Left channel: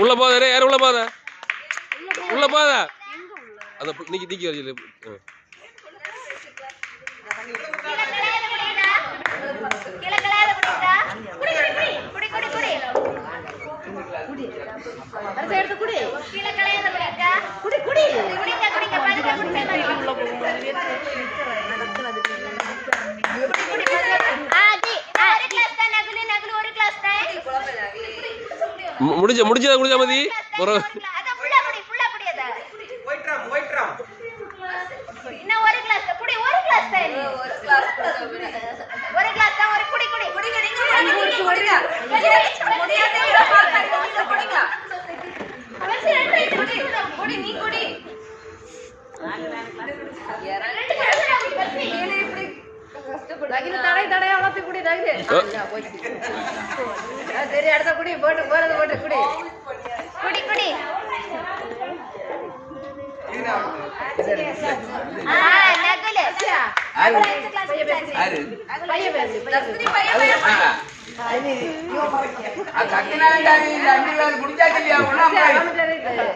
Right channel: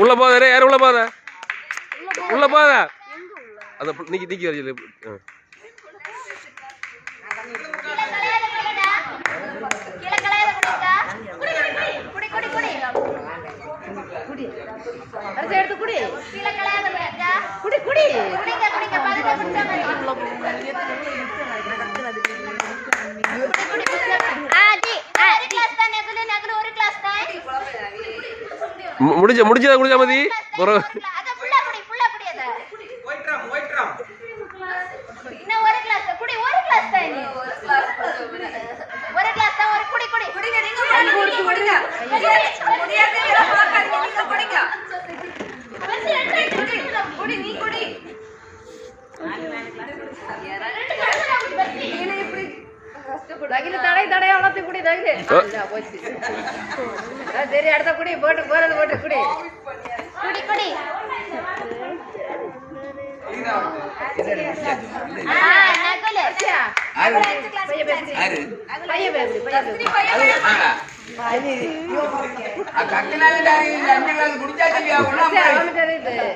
உள்ள போதா யாரும் உள்ள போதா உள்ள போதா அத நீக்கி நீக்கி வரீங்க முடிஞ்சதா குடிச்சா மதி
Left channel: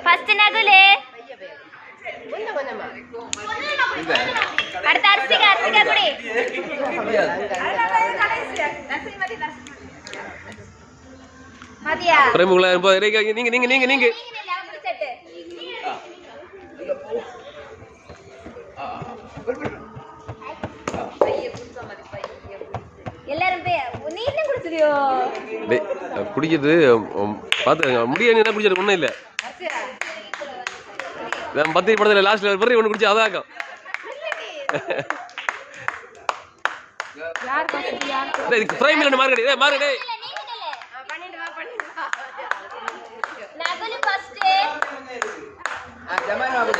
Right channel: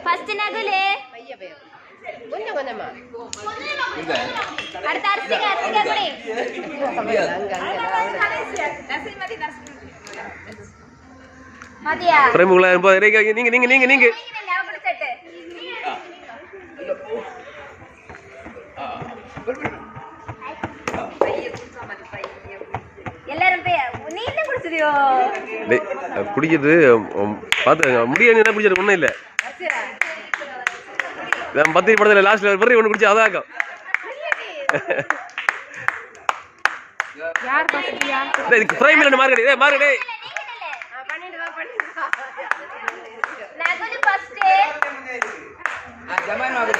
ஃபர்ஸ்ட் நகுலே அடுத்த அரிசிகா குடி மதியா பிரேமுகளா நீங்க நீங்க நீங்க நீங்க எல்லாரும் நீ என்ன குடிச்சியோ குடிக்கிறது பாத்து முடியாது என்ன குடிச்சது ஒண்ணும் இல்ல நான் பத்தி படத்துல லாஸ்ட்ல ஒரு ஒண்ணு குடிச்சு அதாக்கும் யார் குடிச்சியா இதுக்கு பிரைம் இல்ல மார்க்கெட் ஏய் மார்க்கெட் நகுலு ஃபர்ஸ்ட் ஜமானா வந்து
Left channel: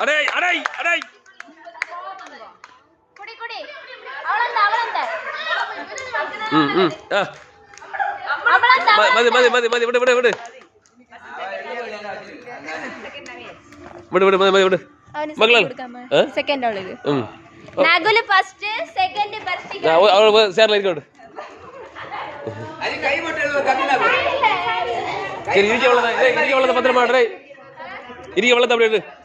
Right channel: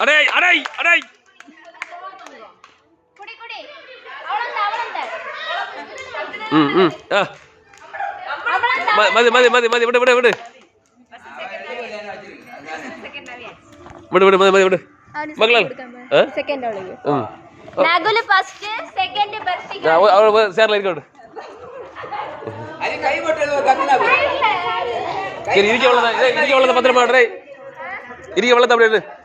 அடே அடே அடே குடி குடி அவளந்த மதி மதி மதி மதி விடு விடு விடு விடு விடு மதி விடு மகளா செகண்ட் அவளுக்கு நகுலு ஃபர்ஸ்ட் செகண்ட் பர்ஃபெக்ட் அவ சேர்ல இருக்கணும் அது கை போட்டல கம்மினா இருக்கு அவ்வளவுதான் இருக்கு அவ்வளவுதான் பத்திரமா டேய் இருக்கு அவ்வளவுதான் அப்படியே